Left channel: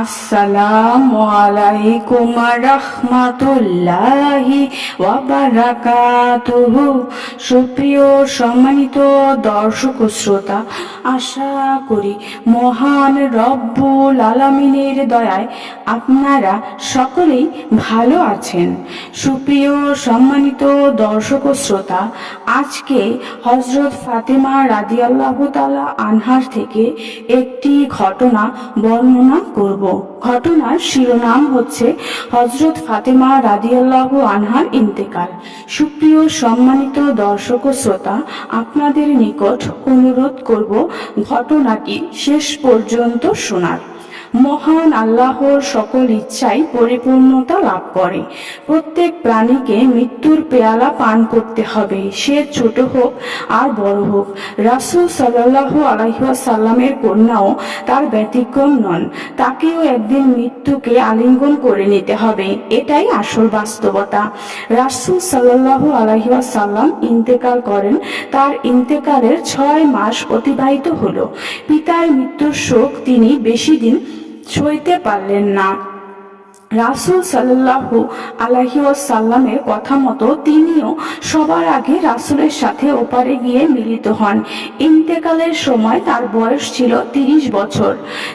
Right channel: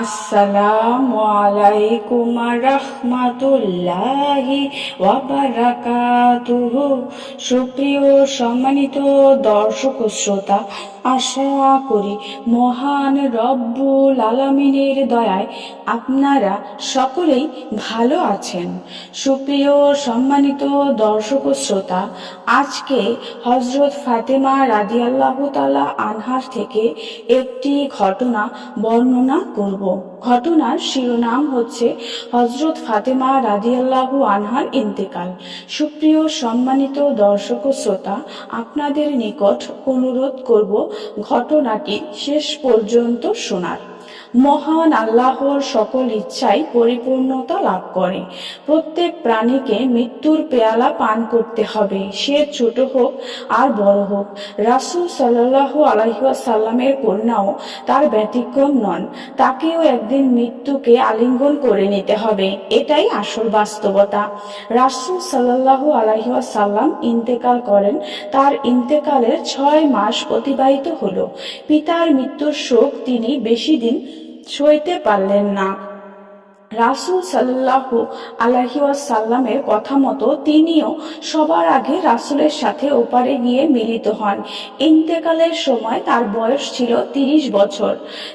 আসসালামু আলাইকুম রাহমাতুল্লাহি ওয়া বারাকাতুহু। সুপ্রিয় সম্মানিত দর্শক ও শ্রোতা, আশা করি মহান রব্বুল আলামিনের দয়ায় আপনারা সকলেই ভালো আছেন। সুপ্রিয় সম্মানিত দর্শক ও শ্রোতা, আজকে হযরত ফাতেমা রাদিয়াল্লাহু তাআলা আনহার থেকে একটি ঘটনা বর্ণনা করব। ঘটনার শিরোনাম হচ্ছে হযরত ফাতেমা রাদিয়াল্লাহু আনহার ইন্তেকাল। সুপ্রিয় সম্মানিত দর্শক ও শ্রোতা, আপনাদের নিকট অনুরোধ করব ঘটনাটি শেষ পর্যন্ত শোনার। মহান আল্লাহর সকল ইচ্ছাই পরিপূর্ণতা লাভ করে। প্রত্যেক প্রাণীকে মৃত্যুর পেয়ালা পান করতে হবে, সে ছোট হোক আর বড় হোক। রাসূল সাল্লাল্লাহু আলাইহি ওয়াসাল্লামের কন্যাও তার ব্যতিক্রম নন। তাকেও একদিন মৃত্যুকে আলিঙ্গন করে নিতে হবে, এটাই আসল বাস্তবতা। রাসূল সাল্লাল্লাহু আলাইহি ওয়াসাল্লাম ইন্তেকাল করেন। তার ইন্তেকালের 6 মাস অতিবাহিত হলো। পিতার মৃত্যুর শোক তিনি বেশি দিন সইতে পারলেন না। রাসূল সাল্লাল্লাহু আলাইহি ওয়াসাল্লামের কথা মতো তিনিও সবার আগে রাসূলের সাথে ওপারে গিয়ে মিলিত হন। ইন্তেকালের সময় তার বয়স ছিল 30 বছর।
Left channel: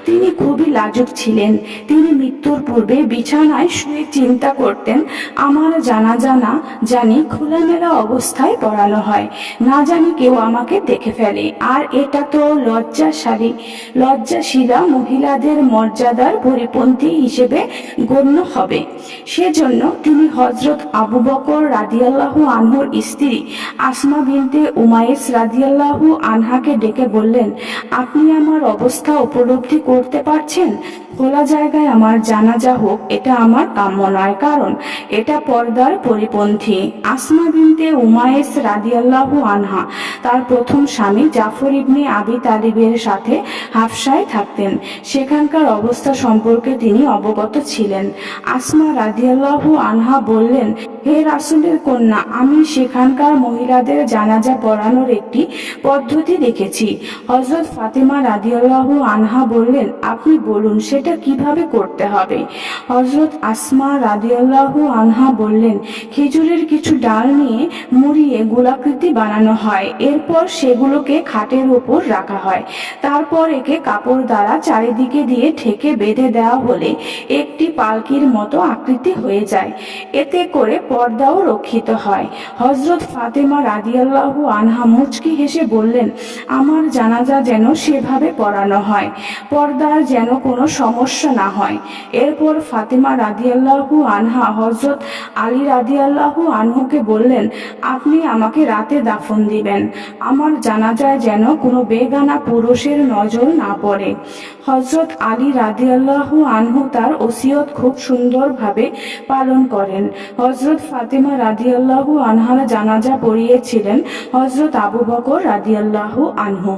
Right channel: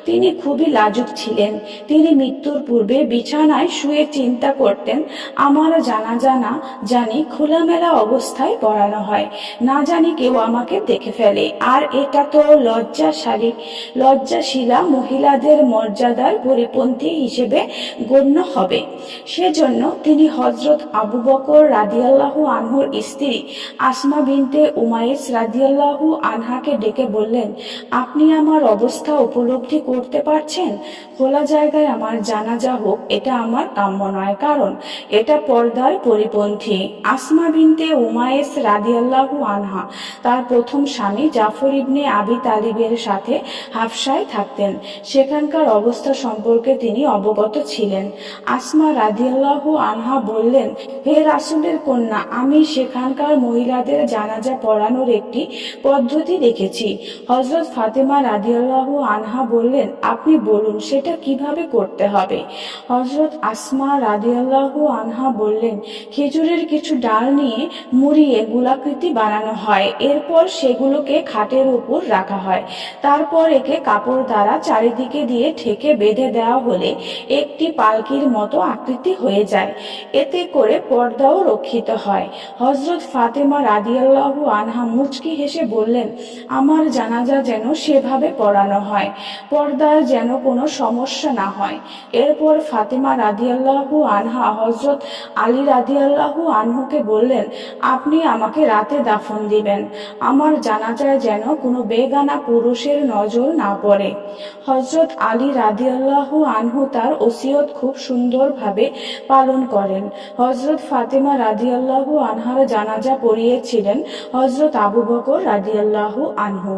তিনি খুবই লাজুক ছিলেন। তিনি মৃত্যুর পূর্বে বিছানায় শুয়ে চিন্তা করতেন, আমার জানাজা না জানি খোলামেলা অবস্থায় পড়ানো হয়, না জানি কেউ আমাকে দেখে ফেলে, আর এটা তো লজ্জাশীলা মহিলাদের মর্যাদার পরিপন্থী হিসেবে হবে। সেজন্য তিনি হযরত আবু বকর রাদিয়াল্লাহু আনহুর স্ত্রী আসমা বিনতে উমাইস রাদিয়াল্লাহু আনহাকে ডেকে বললেন, আপনি আমার অবস্থা উপলব্ধি করতে পারছেন? খোলা জায়গায় আমার জানাজা হোক, এটা আমার কাম্য নয়, কারণ এটা পর্দার পরিপন্থী। আসমা বিনতে উমাইস রাদিয়াল্লাহু আনহা তার প্রথম স্বামী জাফর ইবনে আবি তালিবের সাথে হাফসায় থাকতেন। সেখানকার অবস্থা সম্পর্কে তিনি অবগত ছিলেন। আসমা রাদিয়াল্লাহু আনহা বললেন, হে রাসূলের কন্যা, আমি সেখানকার মহিলাদের জানাজা পড়ানোর একটি পদ্ধতি দেখেছি। হযরত ফাতেমা রাদিয়াল্লাহু আনহা বললেন, আপনি বলুন সেটা কিভাবে করতে হবে? হযরত আসমা রাদিয়াল্লাহু আনহা বললেন, খেজুরের কিছু ডাল নিয়ে মুড়িয়ে গোলাকৃতি বানানো হয়, এরপর সেগুলোকে খাটের উপর রাখা হয়, তারপর একে কাপড় দ্বারা চারিদিকে দিয়ে ঢেকে বেঁধে দেওয়া হলে একটি পালকির মতো আকৃতি হয়ে যায়। এতে করে পর্দাও রক্ষিত হয়। হযরত ফাতেমা রাদিয়াল্লাহু আনহা মুচকি হেসে বললেন, আমার জানাজা যেন সেভাবে পড়ানো হয়, পর্দার যেন কোনো সমস্যা না হয়। এরপর ফাতেমা রাদিয়াল্লাহু আনহা হযরত আলী রাদিয়াল্লাহু আনহুকে বললেন, আপনি আমাকে রাতে দাফন দিবেন, আমার জানাজায় যেন কোনো বেগানা পুরুষের নজর না পড়ে। হযরত আলী রাদিয়াল্লাহু আনহু তার ওসিয়ত খুব সুন্দরভাবে পালন করেন। হযরত ফাতেমা রাদিয়াল্লাহু আনহার জানাজা পড়িয়েছিলেন হযরত আবু বকর রাদিয়াল্লাহু আনহু।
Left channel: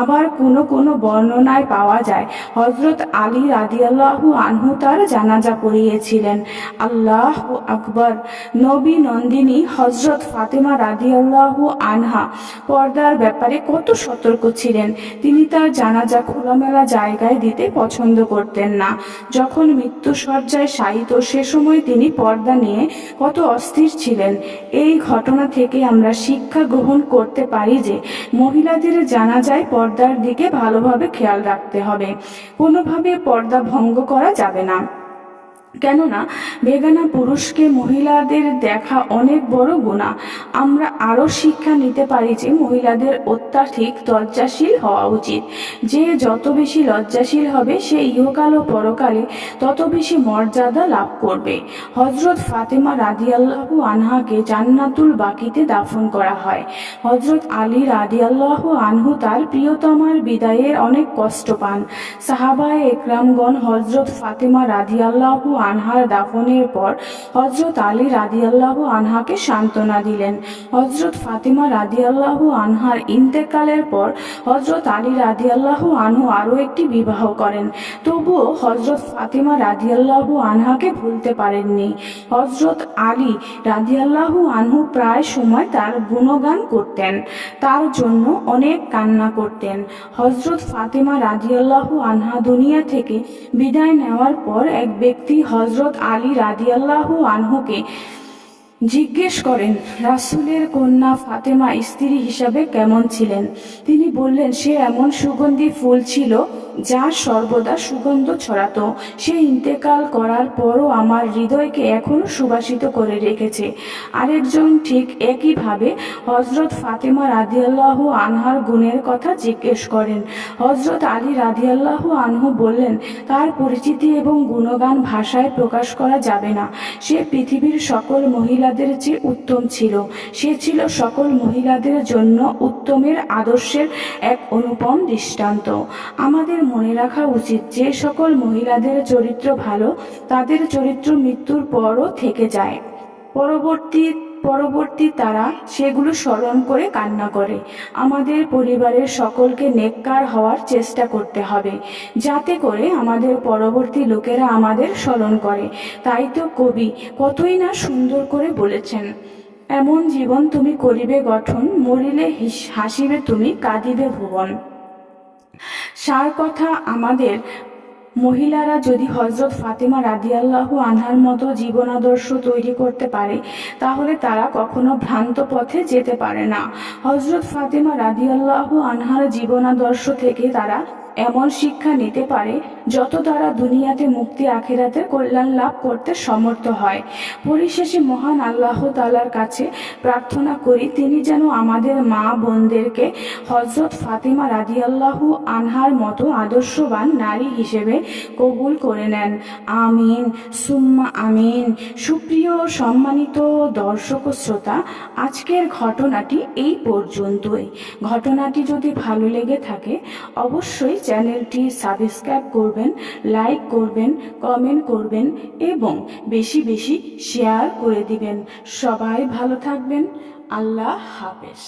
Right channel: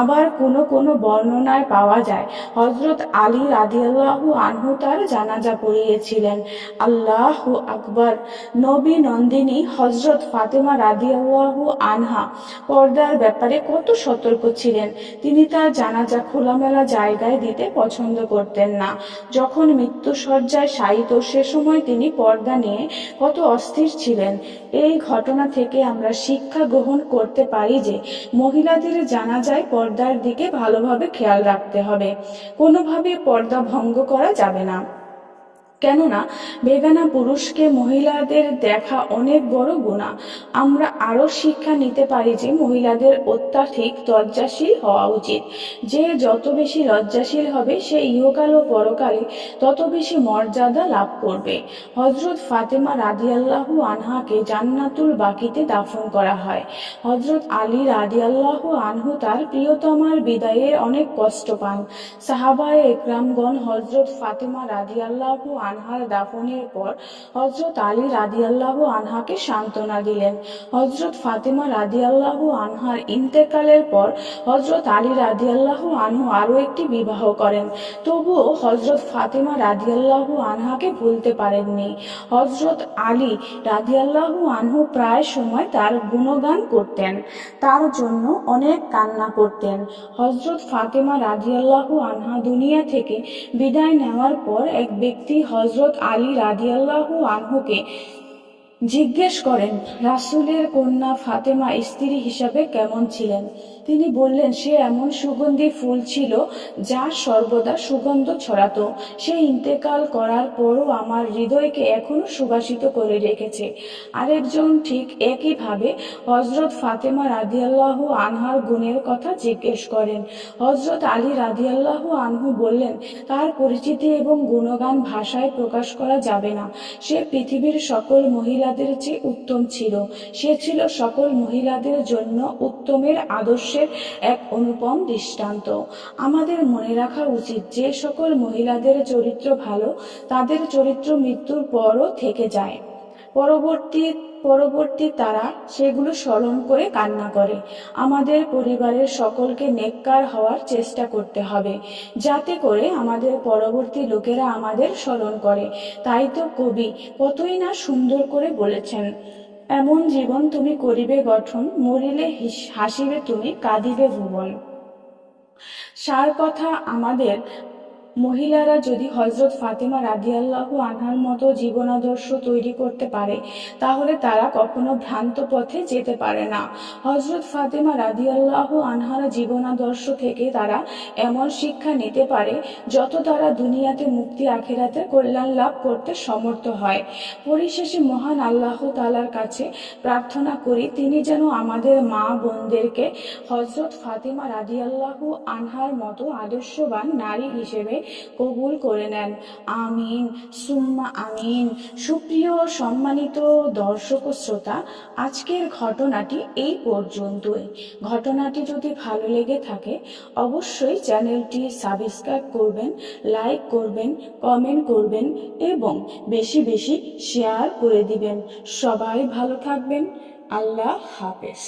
আবার কোনো বর্ণনায় পাওয়া যায় হযরত আলী রাদিয়াল্লাহু আনহু তার জানাজা পড়িয়েছিলেন। আল্লাহু আকবার। নবী নন্দিনী হযরত ফাতেমা রাদিয়াল্লাহু আনহা পর্দার ব্যাপারে কত সতর্ক ছিলেন। তিনি তার জানাজা খোলামেলা জায়গায় দিতে পছন্দ করতেন না। যখন মৃত্যুশয্যায় শায়িত সে সময় তিনি পর্দা নিয়ে কত অস্থির ছিলেন। এই ঘটনা থেকে আমরা শিক্ষা গ্রহণ করতে পারি যে মহিলাদের জানাজায় পর্দার দিকে ভালোভাবে খেয়াল রাখতে হবে, কোনোভাবে পর্দা ভঙ্গ করা যাবে না। কেননা বেগানা পুরুষকে মহিলাদের দেখা অনেক বড় গুনাহ। আমরা আরো শিক্ষা নিতে পারি যে মহিলাদের অত্যাধিক লজ্জাশীল হওয়া উচিত। যে যত বেশি লজ্জাশীল হবে সে ইহকাল ও পরকালে তত বেশি মর্যাদা লাভ করবে। হযরত ফাতেমা রাদিয়াল্লাহু আনহাকে জান্নাতুল বাকিতে দাফন করা হয়। হযরত আলী রাদিয়াল্লাহু আনহু তার প্রিয়তমার বিদায়ের অনেক কষ্ট পান। সাহাবায়ে একরামগণ হযরত ফাতেমা রাদিয়াল্লাহু আনহার দাফনের পর হজরত আলী রাদিয়াল্লাহু আনহাকে সান্ত্বনা দিলেন। হজরত ফাতেমা রাদিয়াল্লাহু আনহার ইন্তেকালের পর হজরত আলী রাদিয়াল্লাহু আনহু আরও একটি বিবাহ করেন। তবুও হজরত ফাতেমা রাদিয়াল্লাহু আনহাকে ভুলতে পারেননি। হজরত আলী রাদিয়াল্লাহু আনহু প্রায় সময় তার গুণগান করতেন, তার জন্য অনেক কান্না করতেন। হজরত ফাতেমা রাদিয়াল্লাহু আনহা দুনিয়া থেকে বিদায় নেওয়ার পর এক ব্যক্তি হজরত আলী রাদিয়াল্লাহু আনহুকে জিজ্ঞেস করেন, রাসূলের কন্যা ফাতেমা স্ত্রী হিসাবে কেমন ছিলেন? তিনি বললেন, সে এমন সুগন্ধি ফুল ছিল যা সর্বদা সুগন্ধ ছড়াতো। সে ইন্তেকাল করার পরও আমার হৃদয়কে এখনো সুবাসিত করে রেখেছে। আরেকজন ঠিক একইভাবে হজরত ফাতেমা রাদিয়াল্লাহু আনহার গুণের কথা জিজ্ঞেস করেন। হজরত আলী রাদিয়াল্লাহু আনহু বললেন, তার পরিচিতি এবং গুণগান ভাষায় প্রকাশ করা যাবে না। সে পৃথিবীর সকল মহিলাদের চেয়ে উত্তম ছিল। সে ছিল সকল মহিলাদের জন্য উত্তমের আদর্শের এক অনুপম দৃষ্টান্ত। আমাদের মনে রাখা উচিত যে সকল মহিলাদের চরিত্র ভালো, তাদের চরিত্র মৃত্যুর পরও থেকে যায়। পরবর্তী তারা সেগুলো স্মরণ করে কান্না করে। আমাদের পরিবারের সকলকে নেককার হওয়ার চেষ্টা করতে হবে, যাতে করে আমাদের পরবর্তী লোকেরা আমাদের স্মরণ করে। তাই তো কবি কতই না সুন্দর করে বলেছেন, এমন জীবন তুমি করিবে গঠন, মরিলে হাসিবে তুমি, কাঁদিবে ভুবন। সার কথা, আমাদের মহিলারা যদি হজরত ফাতেমা রাদিয়াল্লাহু আনহার মতো জীবন আদর্শ তৈরি করতে পারে, তাহলে তারা কখনো ভ্রান্ত পথে যেতে পারে না। হজরত ফাতেমা রাদিয়াল্লাহু আনহার জীবন আদর্শ থেকে তারা এমন শিক্ষা নিতে পারে, যত তারা দুনিয়াতে মুক্তি আখিরাতে কল্যাণ লাভ করতে সমর্থ হয়। পরিশেষে মহান আল্লাহ তাআলার কাছে প্রার্থনা করি, তিনি যেন আমাদের মা বোনদেরকে হজরত ফাতেমা রাদিয়াল্লাহু আনহার মতো আদর্শবান নারী হিসেবে কবুল করে নেন। আমিন সুম্মা আমিন। সুপ্রিয় সম্মানিত দর্শক ও শ্রোতা, আজকের ঘটনাটি এই পর্যন্তই। ঘটনাটি যদি ভালো লেগে থাকে অবশ্যই চ্যানেলটি সাবস্ক্রাইব করবেন, লাইক করবেন, কমেন্ট করবেন এবং বেশি বেশি শেয়ার করে দিবেন। সবাই ভালো থাকবেন। আল্লাহ হাফেজ।